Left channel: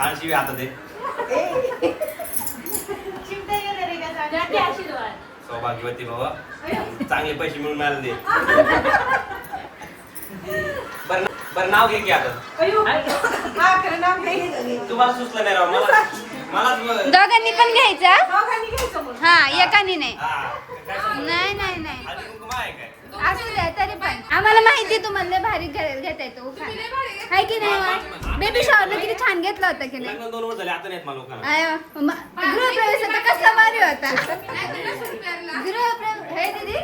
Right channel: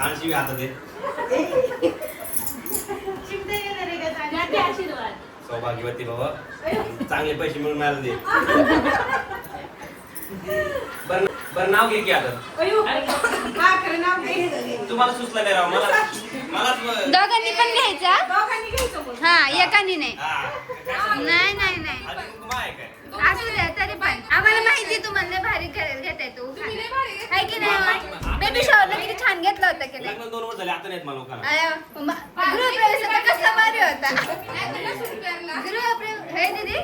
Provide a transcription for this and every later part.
आळशी आता ते सौभाग्यवती बाबा चांगले पैसे मिळून मिळाले दे. बरं नाव घे की आता तुम्हाला सुचलं नाही राव मला दोघांनी पण घ्यायचा हा एकाने नाही नाही नाही नाही आधी कुंकुम आहे काय असू द्या तरी पण आम्हाला माहिती तुम्हाला भारी घेता येतो काय की नाही बेबी शॉवर किती छान घेतलं होतं की नाही. लग्न 2 वर्ष झाले आता नाहीत मला लोकांना. गृहप्रवेश कसला भारी होता हे दीदी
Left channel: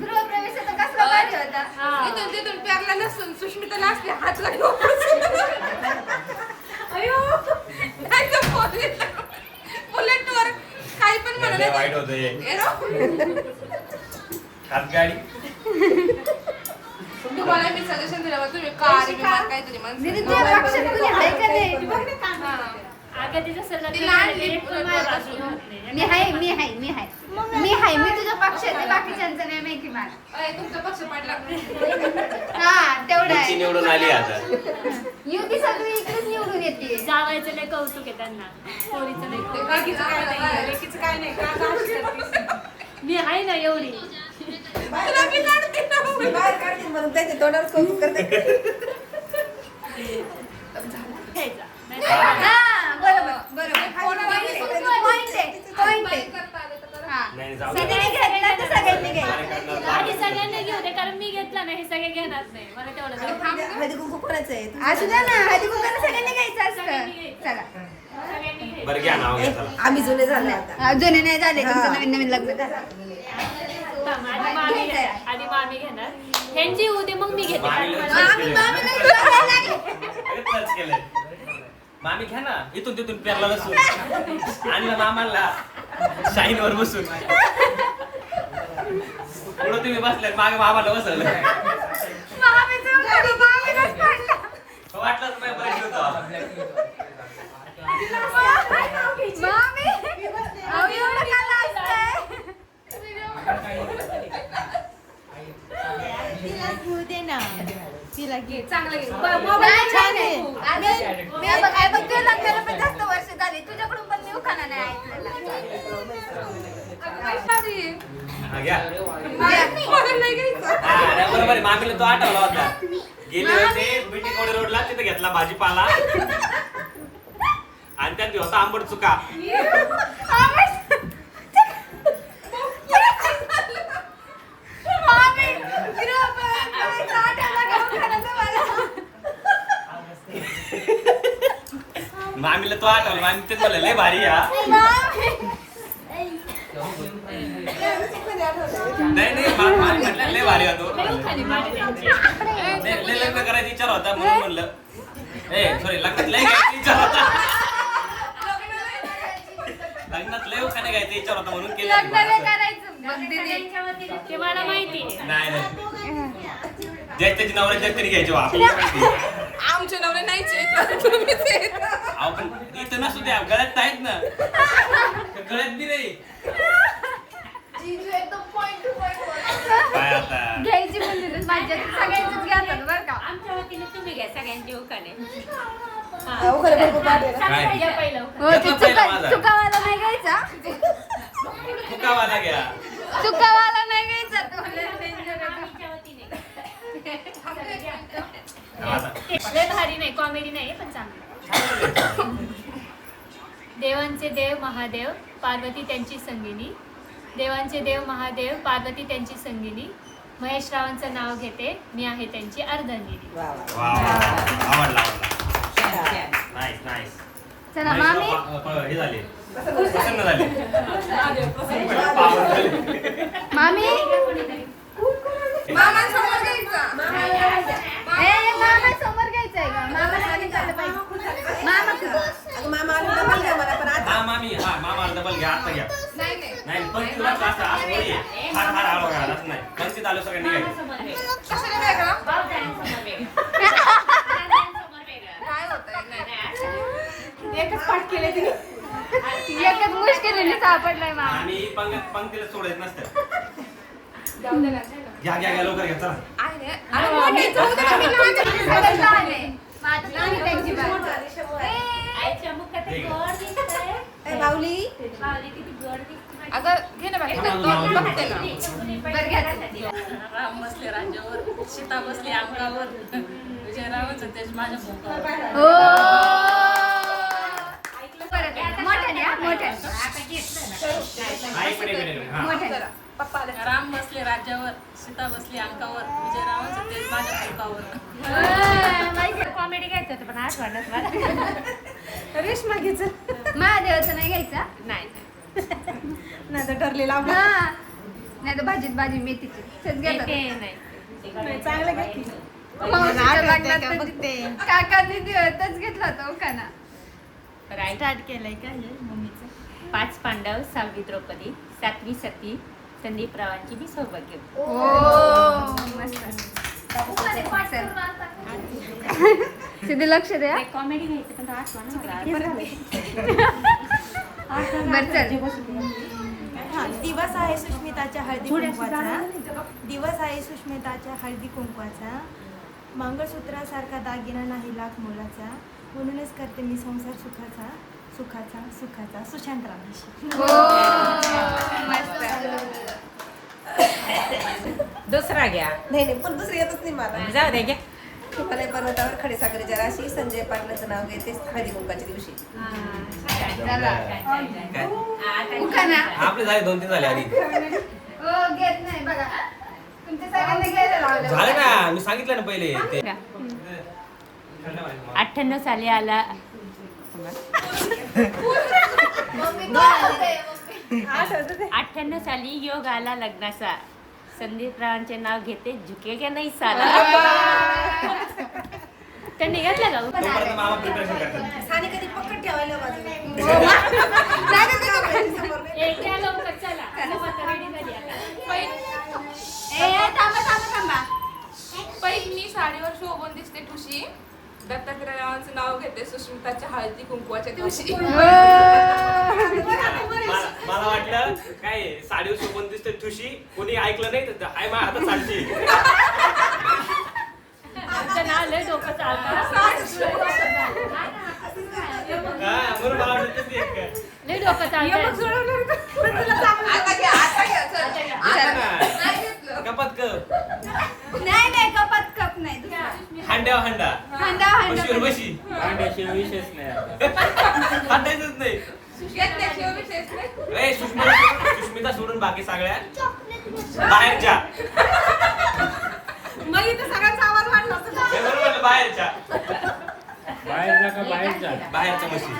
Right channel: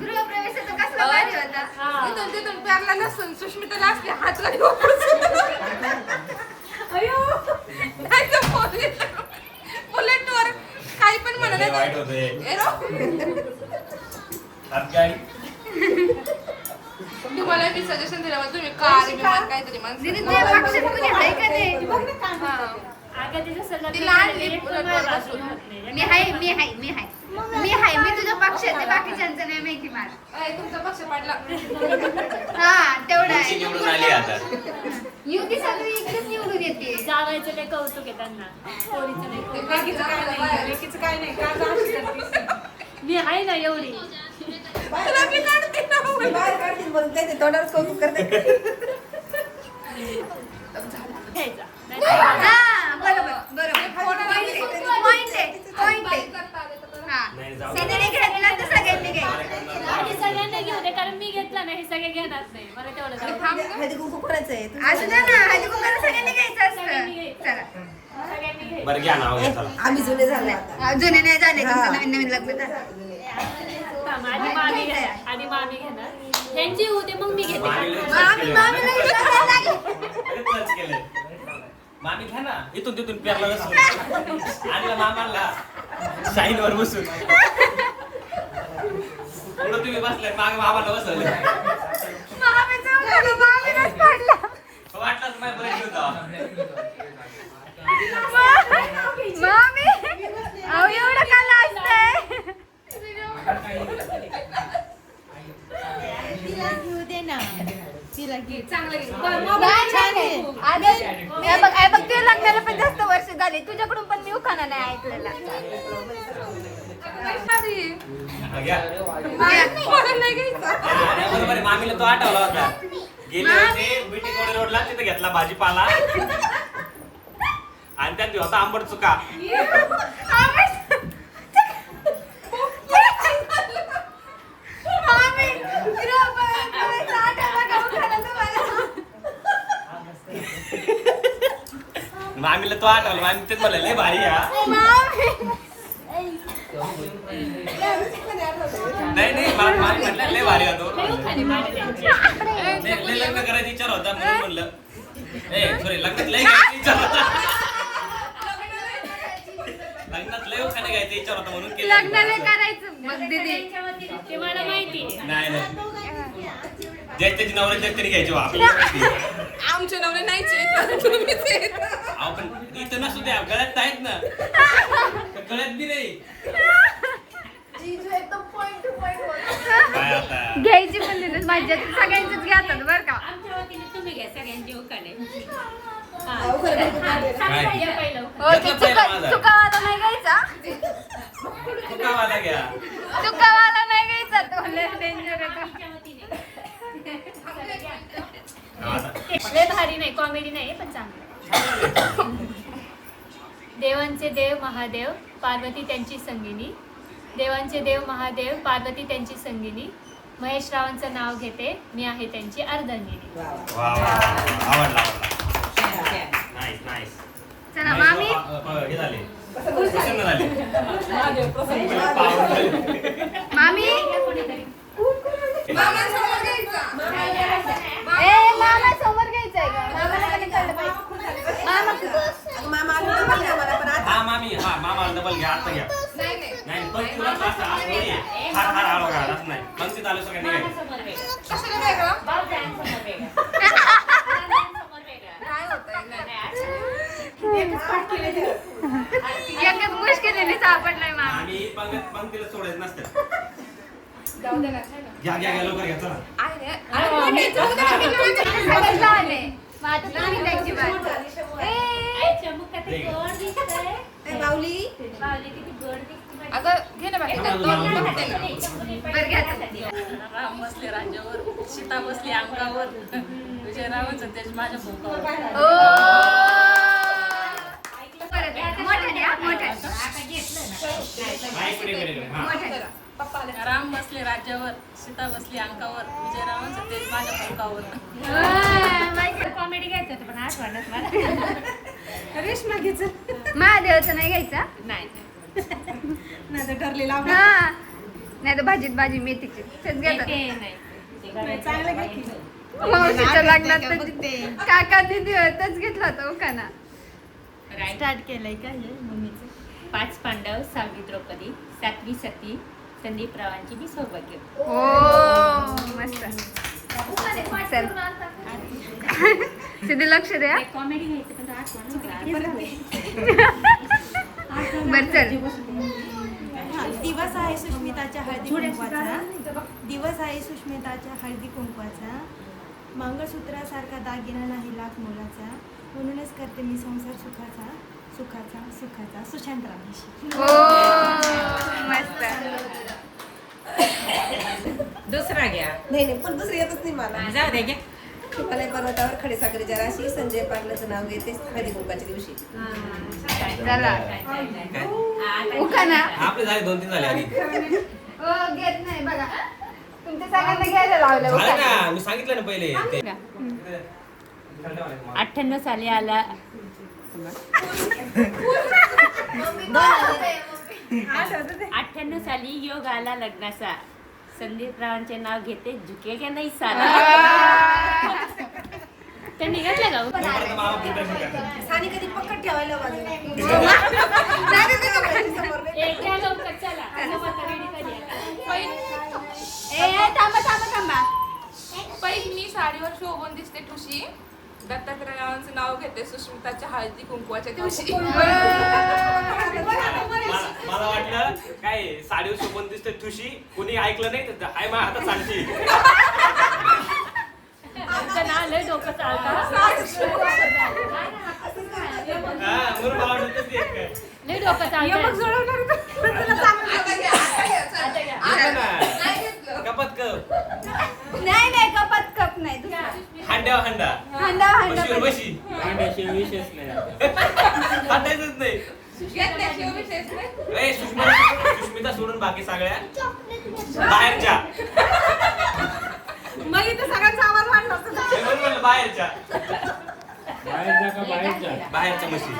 गृहप्रवेश कसला भारी होता. इथून तिथून प्यारला नसून सुष्मिताला असते हात लागले बुलेटवर काही पण लय वाईट म्हणाले होते हात गाडी तुम्हाला मी सजेशन दिलं मग तुम्ही कार विमान काहीतरी दीदी ते लक्षात तुझ्या आहे का नाही मी तुझ्या पक्षात आहे बाकीच्यांचं नाही माहिती मला. तुमचा पक्ष पडला हा तेवढं आहे निवडून आली आता युती सगळी इकडेच निवडून येते. जावायचं लय कौतुक आहे त्यांना पोरीचं नाही. लेकीचं काय नाही लेकीचं काय नाही का गं अशी करतीस? मी आहे ना एवढी तुला मी काढते ना बाहेर काढते म्हणून त्याचे तोंडावर कौतुक करते घ्यायचा नाही हा बरोबर Point आहे. Point आहे. हा. नाही जाऊ सगळ्यांनी घेतला तर सगळ्यांनी घ्यायचं. आधी सगळ्यांना घेऊ दे कारण मी घेतला नाही हे सगळे घेणार नाही मला तेवढं जाऊ दे. हळदी कुंकू कोणाचं आहे असू द्या ना हळदी कुंकू सगळ्यांनी घ्यायचं सगळ्यांनी असतं. घ्यायचं. चला सगळ्यांनी घ्यायचं. बरं घ्या नाव घ्या चला आम्ही जुने झाले आता जुने नाही झाले तुमचं नवीन नवीन लग्न झालं. थांब, आधी मामी घेणार आधी मामी घेणार ह्यांची येऊ दे मग मी घेते मामीला विचारायला लागले. मामी घ्या ना इथून तिथून पेरला बसून आणलं मामाला शाईन वर बसून पुढे तुम्ही बसले माग मामाला बसवलं मामीचं घरी मामीलाच पडलं. वाटलंच नाही बरं होतं मामी अहो एवढं का लाजताय? चांगलं घे. नाही, छान आहे. हे बघ, ते लग्नाला पण जास्त वर्ष झाली तुझ्याकडून पण मी उखाणा नाही ऐकलेला. हा, घ्या मला नाही घ्यायचं. हा, नाही, बरोबर आहे. मामीला तो आठवला होता गेले होते बीटी कोडी रोडला तिथे घेतला भाजीपाला आणि त्यात होता आंबट चुका मामी, गृहप्रवेश आठवला का उखाणा तुम्हाला? मामीला तो आठवला मामी तेच म्हणलं लय भारी हा मामी. नाही नाही मामी म्हटलं लय भारी होतो खाली पाणी द्यायची. लय लग्न करायचा विचार होता म्हणून म्हणलं सॉरी लग्नात लय घ्यायचा विचार होता लग्नात लय उखाणे घ्यायचा विचार होता म्हणून केलं लग्नाला करायचं बघ दीदी. ते मला माहिती आहे नाही नाही ज्या त्याची नवरा ज्या तरी घ्यायची आपल्याला माहिती आमचे नवरे नाहीच आहेत, तुम्हीच आहेत. अहो पण इथं नसू द्या गळ्यात आहेत ना गळ्यात बी नाही काय आता घ्यायची पण दिलीस माझ्या सगळ्यांचीच घेतात बरं का. आमच्या वतीने तुम्ही घ्या सगळ्यांचे उखाणे काय? या पहिलं घेतलं पहिला माझा चुकावाला नाही घ्यायचा फुकावाला घ्या चुकावाला नाही घ्यायचा तो लय डेंजर आहे. आमच्या वतीने लय भारी नाही कॉमेडी नाही पण चांगलं देवांचे देव महादेव पार्वती त्यांची संगिनी देवांचे देव महादेव पार्वती त्यांची संगिनी महेश रावांचं नाव घेते मी आहे त्यांची अर्धांगिनी वा वा आवडला नाईस नाईस चला मामी हे झाले प्रसन्न झाले मामी मामांसमोर घ्यायचं. ए मामा समोर घ्यायचंय अगं मामा आले डबल द्या मला पण आता हा मामी हा मामाला डबल घ्या आता घ्या नाही नाही नाही पण तुला असं आवडी आहे हात हात आलो का असं नाही पंक्तीत आलो सगळ्यांनी घ्यायचं समोर वेगळं. कशाला वेगळं भावजायांसमोर वेगळं. भावजायांसमोर वेगळं. काय होतंय नाही, एकच पाठ केले तिने एकच मुश्किलीने सापडलाय मामा. आम्ही पंक्तीला सोडत नसतं घ्या घ्या घ्या लवकर घ्या चला अरे मग घ्यायचं होतं ना, मी नव्हतं. सगळं झालंय. मग आता तुम्ही त्यांची बाजू. ए, आईच्या मुख दे ग. ए, बावली अगं घे ना बाकी दोन बघते ना. बरं घ्या तुम्ही. राम बसले राज्यावर, सीता बसली अंगावर, विजयराव सतेज माझ्या भोकावर. हो. परत एकदा. मोठ्याने हा, मोठ्याने. हा, इकडे, इकडे. हा. मोठ्याने. पप्पा आले. राम बसले राज्यावर, सीता बसली अंगावर, विजयराव सतेज माझ्या भोकावर. कॉमेडी घ्यायचं होतं पण आठवणच मला. रेशमा घ्यायचं महादेवाचं नाही घ्यायचा नाही नाही तर ठरलेलं आपलं. हा नाही तर भाजीत भाजी मेथीची तेच घेतात. नाही, चांगलं घ्या की. मावशीच्या लग्नात का तर बघते. काकांनी तच घेतला होता ओकाना. स्टार्ट केलंय का हे मम्मीचं. 5 पांडव, 6वी द्रौपदी, 7वी सती, संदीपरावांची मी सौभाग्य. ओ मस्त. चल. सिद्धी लक्ष द्या. कॉमेडी घ्यायचं पण आठवण बर चल. हा, दिवस आहे सुष्मिताच्या हळदी कुंकवाचा. दिवस आहे सुष्मिताच्या हळदी कुंकवाचा. मंगळसूत्रासारखा दागिना नाही लाख मोलाचा. म्हणूनच करते मी संसार सुखाचा सुखाचा सुखाचा. सुशांत रामेशी. हो मस्त. दुसरा घ्या. नाही नाही पण दुसरी येतच नाही मला. जाऊ दे घ्या. हिमालय पर्वतावर खडीसाखरेच्या राशी. संजय पाटलाचं नाव घेते हळदी कुंकाच्या दिवशी. चला काय? ओकाना. आपले झाले 2-3 झाले आधी. हो घेत नाही बघा. तुमच्या सगळ्यांना घ्यायला लावलं. झाले ना, मी सांगितलं ना पहिले ते. 98 साली आला 98 साली योग आला लग्नाचा. संदीपरावांचे नाव घेते झुकेगा नाही साला. त्यांनी घेतलं का तोपर्यंत मला preparation करायचं. सानी कधी पकड ठेवायला बाजूला. थांबा थांबा थांबा. पहिले मी साडीवर शोभून दिसते ठुशी. दत्तात्रयाचं नाव घेते सुष्मिताच्या हळदी कुंकवाच्या दिवशी. मला वाटलं काय साडीवर शोभून दिसते ठुशी, कोणी ऐकलं नाही तर हाय मा आता चालती. तुमचं नाव लय डोकं चालतं. हा, म्हणून मला वाटलं तेच एक काय. लय डोकं चालतं. घेतलं ना. कपात कप. नाही नाही कपात कप नाही दुसरं. हांड्यावर हांडा. हांडा बशीवर हांडा. बशी. हांड्याशिवाय विषयच नाही. हातायचंच नाही. ए, सुष्मिता सोडून बाकी सगळ्या बाहेरच्या. मग इथं सगळ्यांचा आवाज वाढला होता. हे बरोबर म्हणलं, बाहेरच्या बाहेर जा का बाहेर जा बाहेरच्या म्हशी.